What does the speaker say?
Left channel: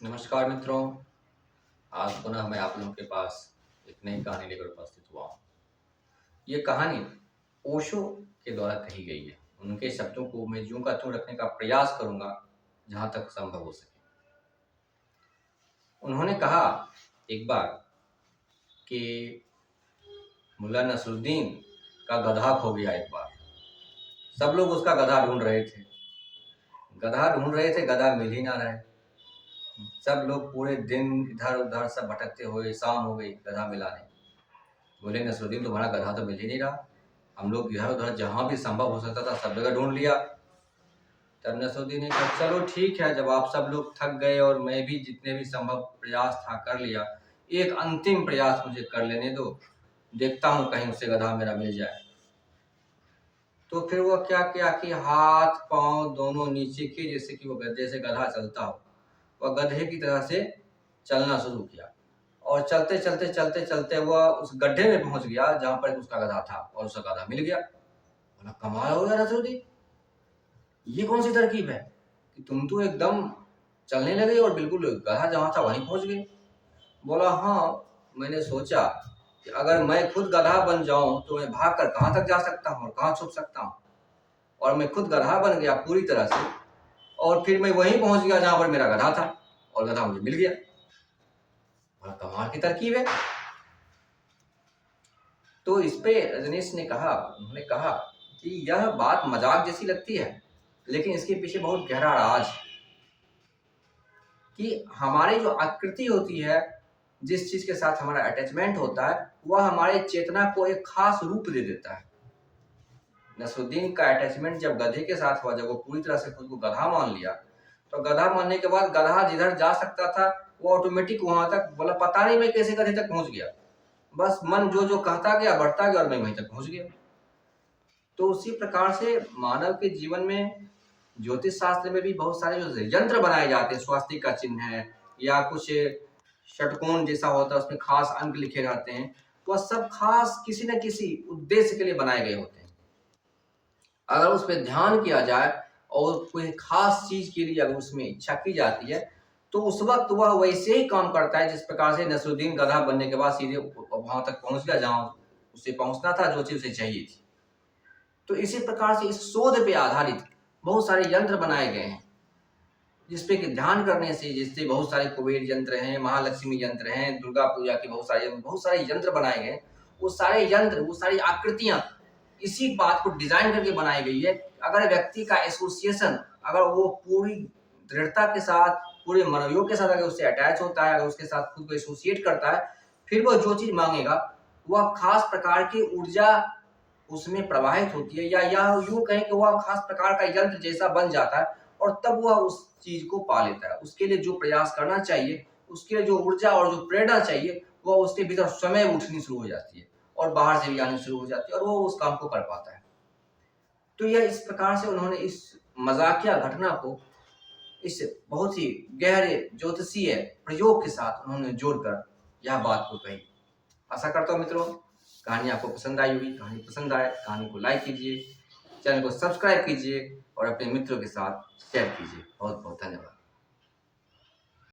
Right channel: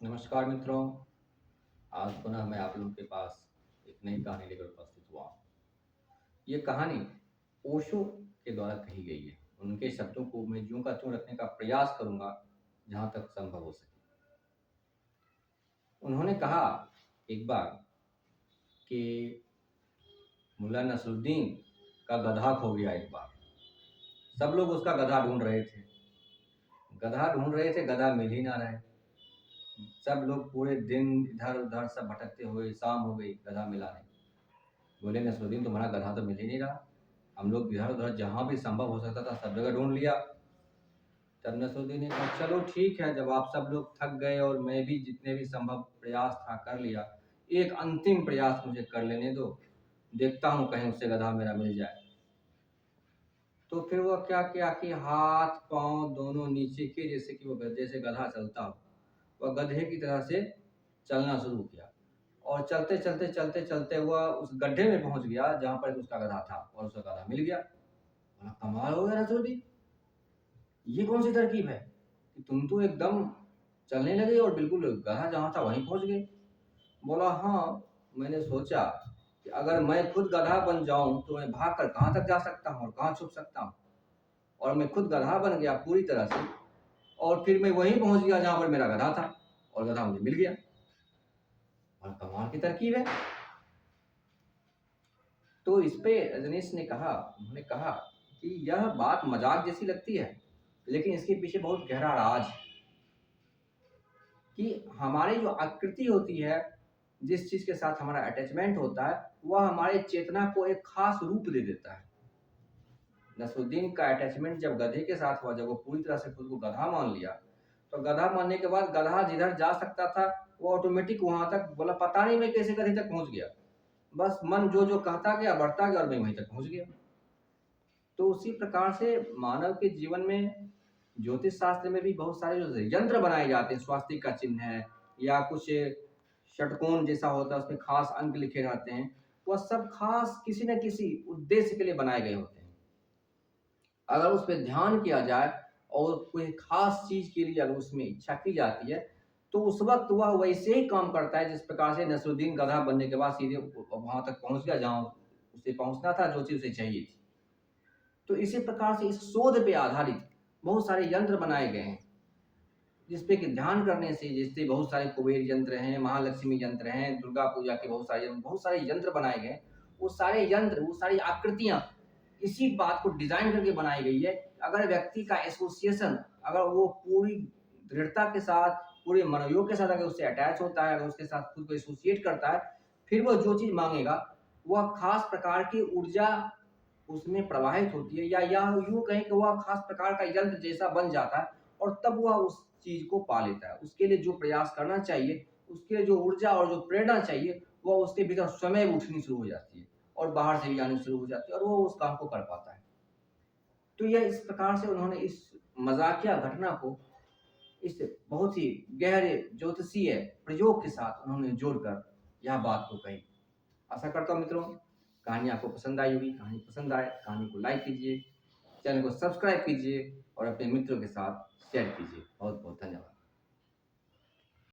नमस्कार मित्रों। आज पुनः मैं आप लोगों के पास एक नई कहानी लेकर उपस्थित हुआ हूँ। ये कहानी ओशो के द्वारा कही गई है। उनके शब्दों को मैं यूं का त्यों रखने का प्रयास करूंगा जहां तक संभव हो सके। उन्होंने कहा एक बार कि मुल्ला नसरुद्दीन का गधा खो गया। एक बार सब लोग उसका गधा ढूंढ रहे थे, गधा मिल ही ना रहे। सब लोग पूरे दिन इधर उधर सब भटकते हुए शाम हो गई, गधा मिला नहीं। बोले नसरुद्दीन तुम्हारा गधा तो मिल ही नहीं रहा। हम लोग इधर उधर जहाँ भी संभव हो सकता था सब जगह ढूंढ लिया। तब नसरुद्दीन ने कहा चलो ठीक है, जब आप सब लोग थक गए और मैं भी जितने भी संभव प्रयास था कर लिया, एक अंतिम प्रयास मुझे कर लेने दो, देखता हूँ कहीं उससे गधा मेरा मिल जाए। तो फिर वह क्या किया कि हाथ पांव दोनों नीचे किए, जैसे कि वो गधे से गधा चलता हो। वह गधे की तरह से चलना शुरू किया और चलते चलते चलते चलते वह उस गड्ढे में पहुंच गया जहां पर उसका गधा था और उसका गधा मिल गया। बोला कमाल हो गया नसरुद्दीन, ये कौन सी तरकीब है कि तुम तो एकदम चलने लगे और बिल्कुल गधा जहां था वहीं पहुंच गए। बोला हाँ, मैंने सोचा कि अगर मैं खुद गधा बन जाऊं तो मैं भाग कर कहां तक जा सकता हूं और कहां छुप सकता हूं। और मैं खुद गधा बन गया पूरी तरह से, और फिर मैं वहीं पहुंच गया जहां पर मेरा गधा था और गधा मुझे मिल गया। और कमाल की तरकीब है। तो इस पे रजनीश ने कहा, उन्होंने कहा कि यह बात मजाक जैसी लगती है, लेकिन इसके पीछे बहुत गहरा राज है। कि हमारी जो आकृति होती है, जिस चीज के साथ हमारा अटैचमेंट होता है, वह हमारे चेतना को एक खास रूप दे देता है। नसरुद्दीन का अटैचमेंट जब गधे के साथ हुआ, जब वो पूरी तरह से खुद को गधा मान लिया, तो गधा मानने के बाद गधा जिधर जा सकता था वो ऑटोमेटिक वहां तक, बोला पता नहीं मैं कैसे गधे तक पहुंच गया, बस मन जो जो कहता गया बढ़ता गया और मैं वहीं तक पहुंच गया। तो उसी प्रकार से मानव के जीवन में ज्योतिष शास्त्र में भी बहुत सारे जो यंत्र बनाए जाते हैं, स्वास्तिक का चिन्ह है या कुछ षटकोण जैसा होता है, उसमें खास अंक लिखे रहते हैं, वह सब खास किसी न किसी उद्देश्य के लिए बनाए गए होते हैं। अगर उस पर ध्यान किया जाए और कोई खास चीज के लिए अगर उसमें इच्छा की जाती है, तो उस वक्त वह वैसे ही काम करता है जिस प्रकार से नसरुद्दीन गधा बनने के बाद सीधे वहां तक पहुंच गया जहां उसे पहुंचना था, जो चीज उसे चाहिए थी। तो इसी प्रकार से इस शोध पे आधारित बहुत सारे यंत्र बनाए गए हैं, जिसपे कि ध्यान करने से, जिससे बहुत सारे कुबेर यंत्र हैं, महालक्ष्मी यंत्र हैं, दुर्गा पूजा के बहुत सारे यंत्र बनाए गए। वो सारे यंत्र, वो सारी आकृतियां इसी बात को डिजाइन करके बनाई गई है। अगर व्यक्ति का एसोसिएशन, अगर वो पूरी दृढ़ता के साथ, पूरे मनोयोग के साथ अगर उससे अटैच होता है, अगर उसके साथ खुद को एसोसिएट करता है, फिर वो जो चीज मांगेगा वह खास प्रकार की ऊर्जा उसमें प्रवाहित होती है, या यूं कहें कि वह खास प्रकार का यंत्र जैसा बन जाता है और तब वह उस चीज को पा लेता है। उसके लिए जो प्रयास करना चाहिए, उसके लिए जो ऊर्जा और जो प्रेरणा चाहिए, वह उसके भीतर स्वयं उठनी शुरू हो जाती है और बाहर से भी आनी शुरू हो जाती है और वो उस काम को कर पाता है। तो यह इस प्रकार से उन्होंने इस मजाकिया घटना को इस बहुत ही गहरे ज्योतिषीय प्रयोग के साथ उन्होंने जोड़कर यह बात को कही। आशा करता हूँ मित्रों कहानी आपको पसंद आई होगी। कहानी पसंद आए कहानी को लाइक कीजिए, चैनल को सब्सक्राइब कीजिए और अपने मित्रों के साथ शेयर कीजिए। बहुत बहुत धन्यवाद।